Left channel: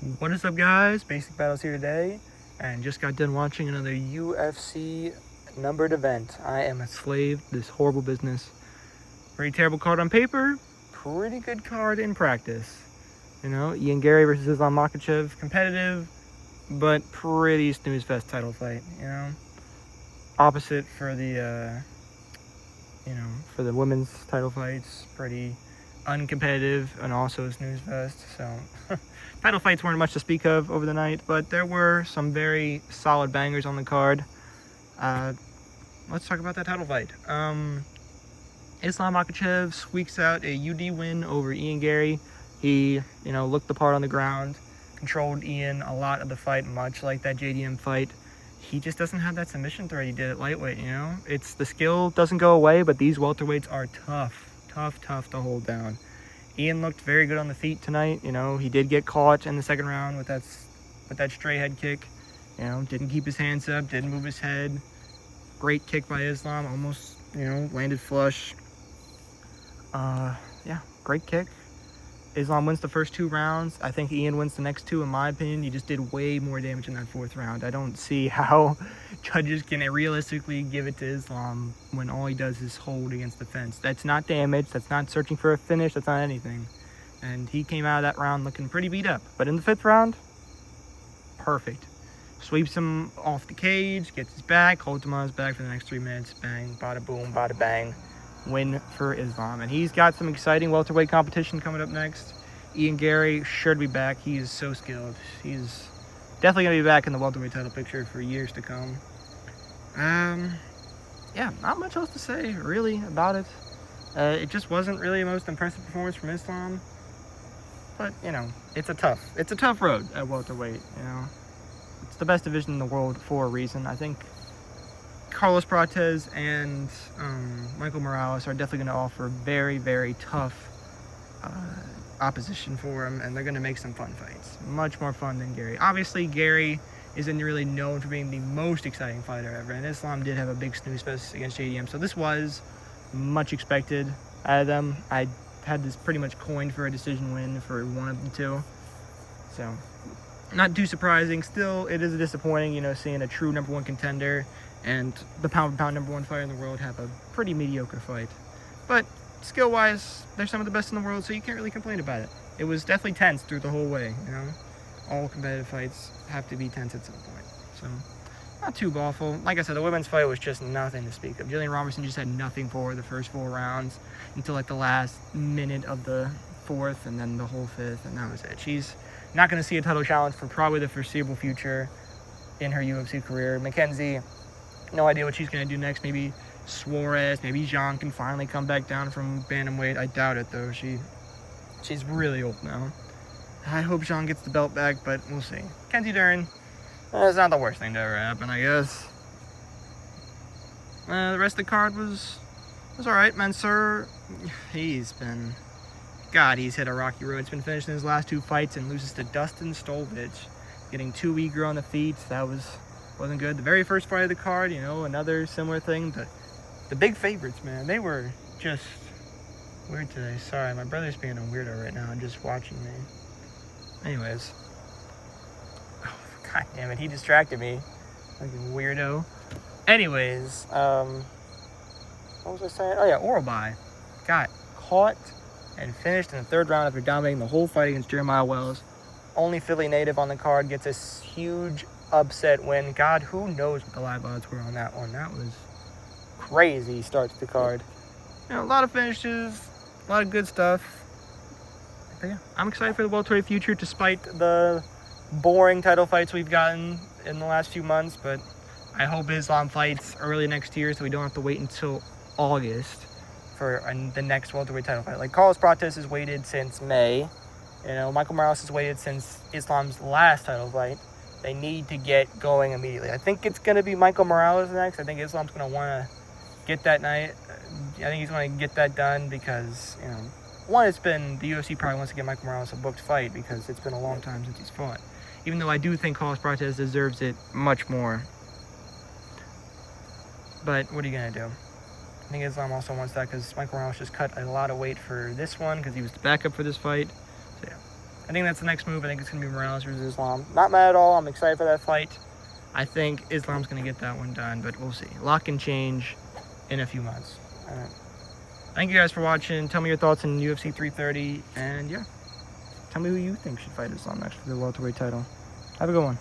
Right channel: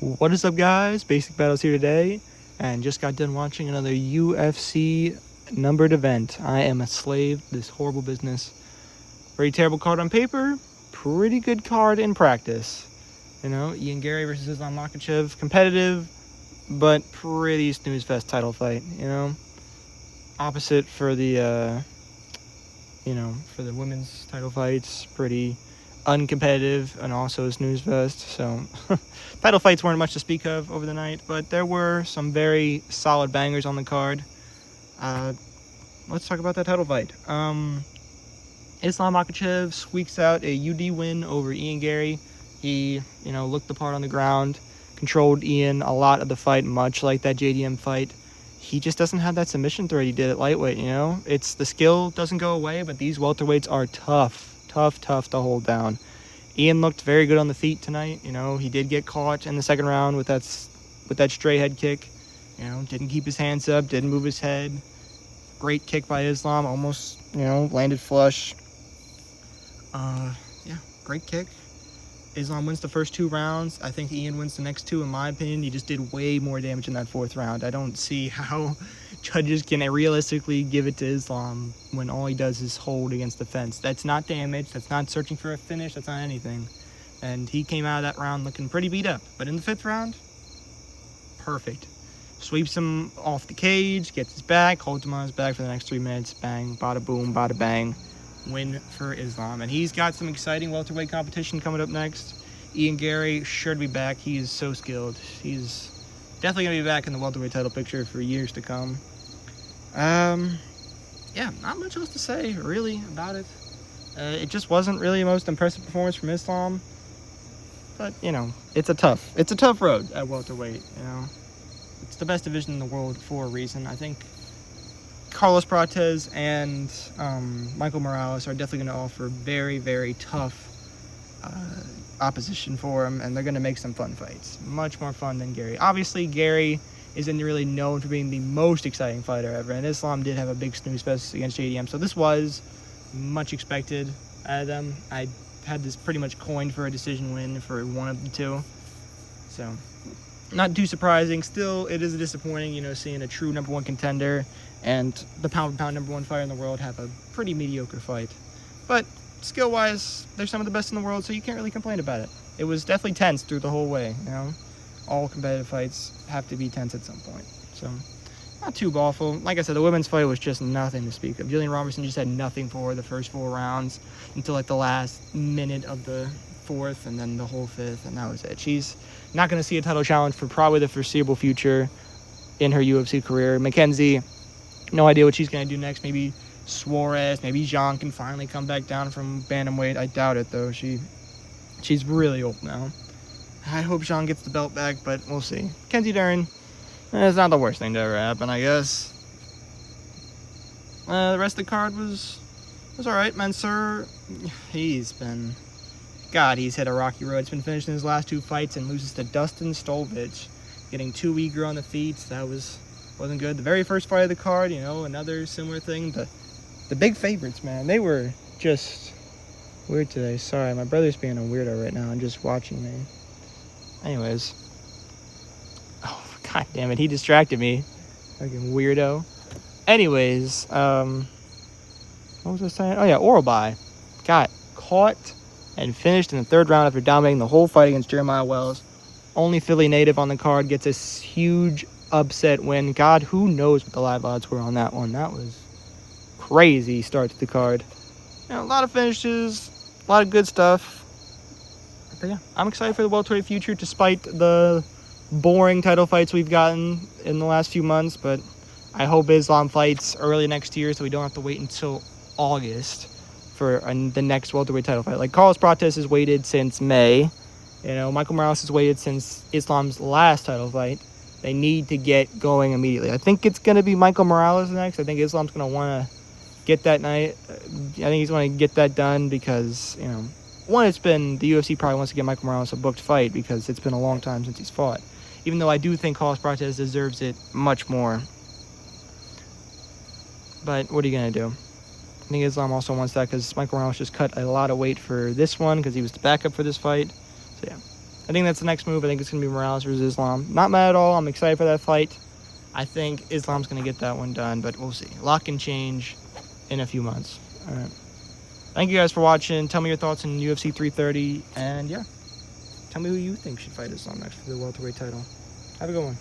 What is up, guys? Basic Battles here today, and just got done watching another UFC numbered event. I am a slave to this horrible business. Pretty terrible card on paper, pretty good card in practice. You know, Garry versus Makhachev, competitive, but pretty snooze fest title fight. You know, opposite for the for the women's title fights, pretty uncompetitive and also a snooze fest. So title fights weren't much to speak of over the night, but there were some very solid bangers on the card. Let's talk about that title fight. Islam Makhachev squeaks out a UD win over Garry. He, looked the part on the ground, controlled Ian a lot of the fight, much like that JDM fight. He just doesn't have that submission threat he did at lightweight, It's the skill doesn't go away, but these welterweights are tough to hold down. Ian looked very good on the feet tonight. He did get caught in the second round with that stray head kick. Didn't keep his hands up, didn't move his head. Great kick by Islam, almost, landed flush. Great kick. Islam wins the first 2 rounds. I think Ian wins the next 2, in my opinion. He just did way more damage in that 4th round. I don't see how judges can realistically give it to Islam when all he does is hold against the fence. That's not damage. That's not searching for a finish. That's not anything. And he came out of that round looking pretty beat up. But in the 5th round, perfect. Sweeps him off the cage, gets his back, holds him on his back for the next 3 minutes. Bang, bada boom, bada bang. Win for Islam. And he's got some exciting welterweight competition coming up next. Garry sure to be back. He is so skilled. He's definitely going to be back in the welterweight title picture for years to come. Not much else to say really about it. It just wasn't really the most impressive performance from Islam. But, it's a tough road at welterweight, It's the best division in the world for a reason. I think Carlos Prates and Michael Morales are definitely going to offer very, very tough opposition for him, and they're going to make some fun fights. Much more fun than Garry. Obviously, Garry isn't really known for being the most exciting fighter ever, and Islam did have a big snooze fest against JDM, so this was much expected out of them. I had this pretty much coined for a decision win for one of the two, so not too surprising. Still, it is disappointing, seeing a true #1 contender and the pound-for-pound #1 fighter in the world have a pretty mediocre fight. But skill-wise, they're some of the best in the world, so you can't really complain about it. It was definitely tense through the whole way, All competitive fights have to be tense at some point. So, not too awful. Like I said, the women's fight was just nothing to speak of. Jillian Robertson just had nothing for her the first 4 rounds until like the last minute of the 4th and then the whole 5th, and that was it. She's not going to see a title challenge for probably the foreseeable future in her UFC career. Mackenzie, no idea what she's going to do next. Maybe Suarez, maybe Jean can finally come back down from bantamweight. I doubt it, though. She's really old now. I hope Jean gets the belt back, but we'll see. Kenzie Dern, it's not the worst thing to ever happen, I guess. The rest of the card was all right. Mansour, he's hit a rocky road. He's been finishing his last 2 fights and loses to Dustin Stolvich, getting too eager on the feet. That wasn't good. The very first fight of the card, another similar thing. The big favorites, man, they were just weird today. Sorry, my brother's being a weirdo right now and just watching me. Anyways. Oh, god damn it, he distracted me. Fucking weirdo. Anyways, what was I saying? Oh yeah, Oralby got caught and finished in the 3rd round after dominating the whole fight against Jeremiah Wells. Only Philly native on the card gets a huge upset win. God, who knows what the live odds were on that one. That was crazy start to the card. A lot of finishes, a lot of good stuff. But yeah, I'm excited for the welterweight future despite the boring title fights we've gotten in the last few months. But I hope Islam fights early next year so we don't have to wait until August for the next welterweight title fight. Like Carlos Prates has waited since May. Michael Morales has waited since Islam's last title fight. They need to get going immediately. I think it's going to be Michael Morales next. I think Islam's going to want to get that night. I think he's going to get that done because, one, the UFC probably wants to get Michael Morales a booked fight because it's been a long time since he's fought. Even though I do think Carlos Prates deserves it much more. But what are you going to do? I think Islam also wants that because Michael Morales just cut a lot of weight for this one because he was the backup for this fight. So yeah, I think that's the next move. I think it's going to be Morales versus Islam. Not mad at all. I'm excited for that fight. I think Islam's going to get that one done, but we'll see. A lot can change in a few months. Thank you guys for watching. Tell me your thoughts on UFC 330. And yeah, tell me who you think should fight Islam next for the welterweight title. Have a good one.